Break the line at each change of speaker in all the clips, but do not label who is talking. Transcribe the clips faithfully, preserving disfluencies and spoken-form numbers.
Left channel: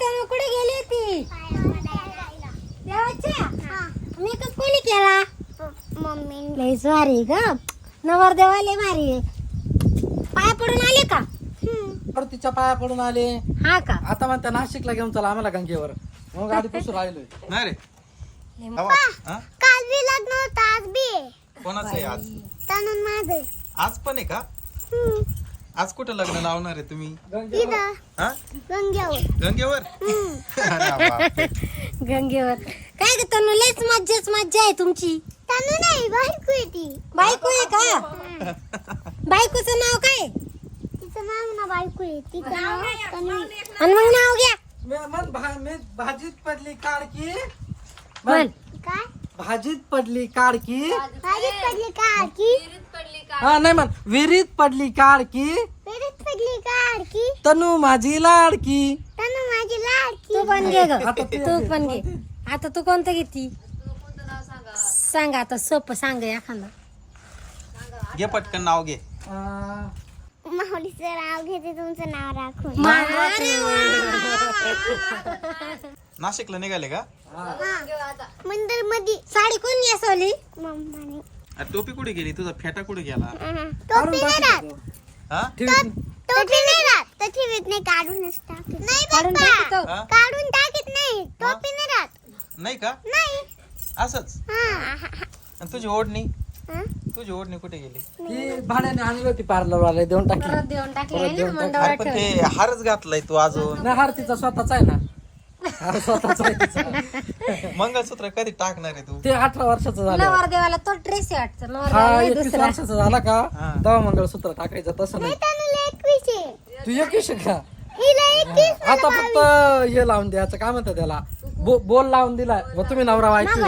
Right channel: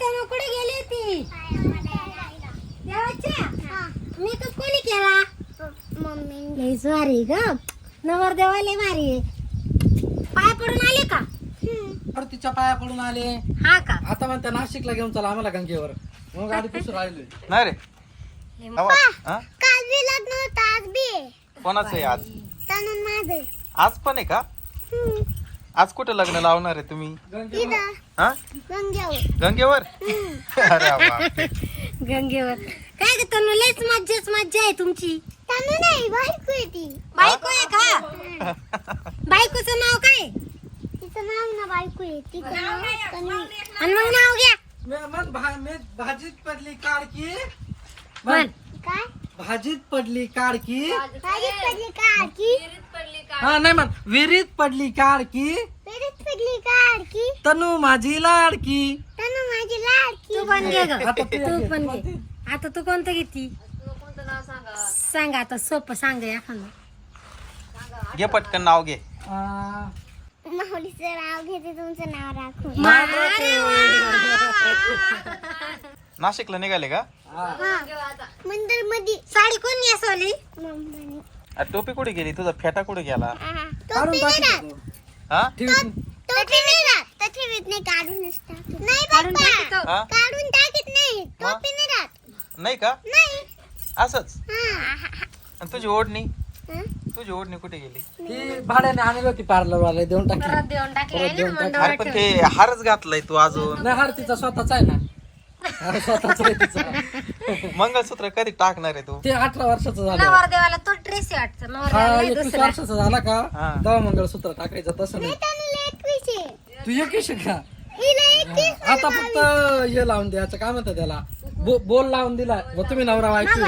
तनु कुठे गेली होती? देवाच्या मेकअप कोणी केला?
मम्मी
लय भारी ग, नवरदेवा लय भारी आहे. पाय पडून आले का?
बरं तिच्या पाया पडून आले.
हा का?
आता म्हणता नाशिकला घेऊन चला आम्हाला गंगेवर. मग गाडी पुसून राहिलोय.
नाही रे आवाज हा?
काल बी लग्न होतं, आज बी आहे.
कोणाचं आहे आज?
तनुन माझं.
आज पण आहे का? आज कुठं लग्न लावणार आहे तुम्ही?
इथं
हा
गंग्यावर.
गंगेवर? अरे बापरे.
गंगेवर काय ग तनु, लयच मज्जाच मज्जा आहे तुमची.
तनु नाही, बायको आहे ती.
बायको आहे का? बायकोचं नाव काय?
तिचं नाव ना बायको आहे, तिचं नाव तनु.
आणि मग नाव घ्या.
मी- मन भा- मी भाजीत पडली काडकी.
म्हण.
काय
भाजीत पडली काडकी.
भाजीत पडली का की
हा नाही म्हण, विहिरीत पडली काडकी.
पेरीत पडली का की
तनु माझी लाडकी.
तनु माझी लाडकी.
तू पण घे ग.
आता तू
तू
घे.
पण घे. आता तू कोणतं घेती? सांग आता, सोपं सांग एखादा.
घे पटकन नाव घे.
आ,
माऊलीचं नाव घेते, तुमचं नाव राखून.
नाशिकला निघाले का?
मंदिर मध्ये
साडी कोण नेसवली?
मम्माने
अरे टोपी कुठे गेली? तुझा फेटा कुठे गेला?
टोपी नाही राहत.
हा
ठेव-
टोपी नाही राहत. तर ठेवीत नाही, काढूनच टाकत. नाही
काढून
बाप्पा.
टाकतो.
हा
काढून टाकीत नाही, टोपी नाही राहत.
नाही का?
नाही.
असंच.
हा.
आणि तुझी ओढणी
हा?
तुझी ओढणी कुठे गेली?
ती भाड्याने आणली होती पार्लर वाला, देऊन टाकली.
परत देऊन टाकली
परत देऊन
आहे ना,
अरे पण ते हारच घातलाय तू अजून.
नाही हार तिचा स्वतःचा आहे ना. हार स्वतःचा आहे तिचा.
मंगळसूत्र कधी टाकणार आहे तू?
ते अठरा वर्षाचं झालं.
नवरदेवाला तो ड्रेस वाटतो.
हा
नवरदेवाला
एकवीस
दुसरा.
वर्षाचा झाला का
हा.
तेव्हा मंगळसूत्र टाकायचं, तसं नाही.
तनुला एकवीस आहे.
तू एकवीस आहे का?
हिला एकवीस.
आता फक्त हे लावून द्यायचं, काय म्हणतात त्याला, बो, बोल लावून दिला मग तुम्ही नवरा वाईट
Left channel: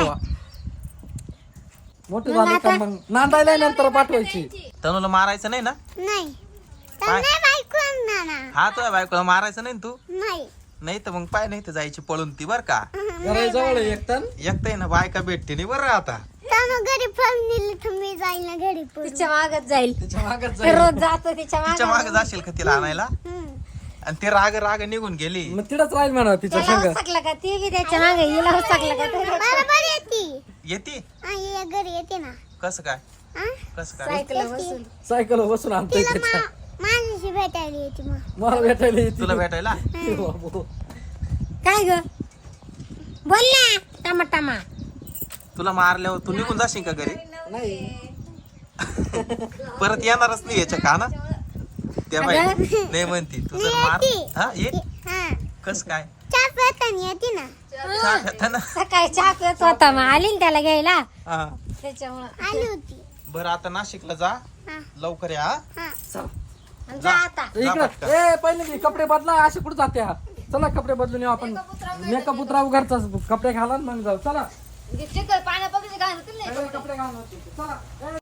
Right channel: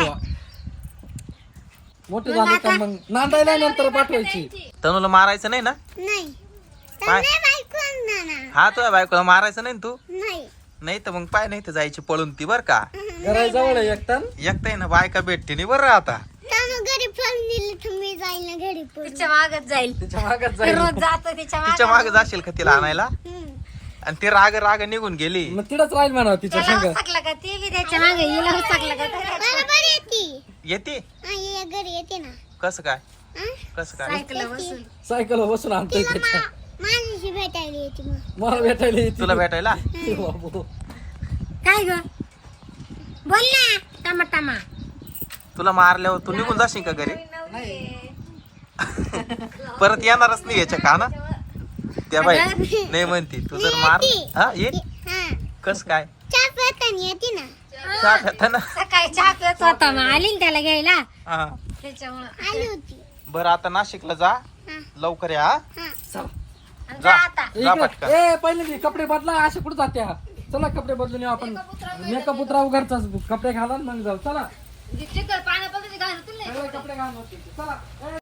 मोठे झाले का मग नांदायला नंतर पाठवायची.
तनुला मारायचं नाही ना?
नाही.
काय?
तनु बायको आणणार ना.
हा तुझ्या बायकोला मारायचं नाही ना तू?
नाही.
नाही तर मग पाय नाही तर जायची पळून ती बर का.
घरा जवळ आहे एक टन.
एकटा ना बायका भेटते नाही बरं आता.
तनु घरी पळून दिली तर मी जाईल ना घरी पळून.
तिच्या मागत जाईल.
तिच्या मागच जाईल.
रोज जातो तिच्या
तिच्या
मागं.
मागे जाशील का तिला आणायला?
हम्म.
आणि ती राग राग निघून गेली.
मग तिथंच राहील म्हणा तिच्या
त्याला
संग.
हुसकलं का ते बी त्याच्या मागे हिला हुसकलं का ते?
बरोबर येते.
येते
हा, ये घरी येते ना.
कसं काय?
हा?
कसं काय?
सायकल बसून.
सायकल बसून आणतोय त्याच्या.
माझ्याशी भेटायला येते मग.
मला भेटायला येते.
तुला भेटायला?
बाबू.
काय ग? बोल ना टमा टमा.
तुला मारल्यावर तू निघून जाशील का घरी?
नाही
परत येणारच नाही याच्या का ना? त्या बाई नाही म्हणती तू जर मार हा ये
हा.
कस काय?
चहा पिताना येते ना.
चहा घेता ना?
सकाळी चहा पित होता मग आली ना त्याला घ्यायला
हा
त्याच्यामुळं.
आली होती.
बरं आता नाशिकला जा
हा.
लवकर या हा?
हा.
आणि
जा.
जा आता.
जा
इकडे
पटकन.
ए पहिले मी कपडे बदला, असे कुठे जात्या. चला कपडे बदलून येऊ आपण. मेकअप उतराव घरचा, कपडे घाला आणि मग जाऊ. चला
चिकट पाण्यापासून घालतो
सगळे कपडे घालून चला.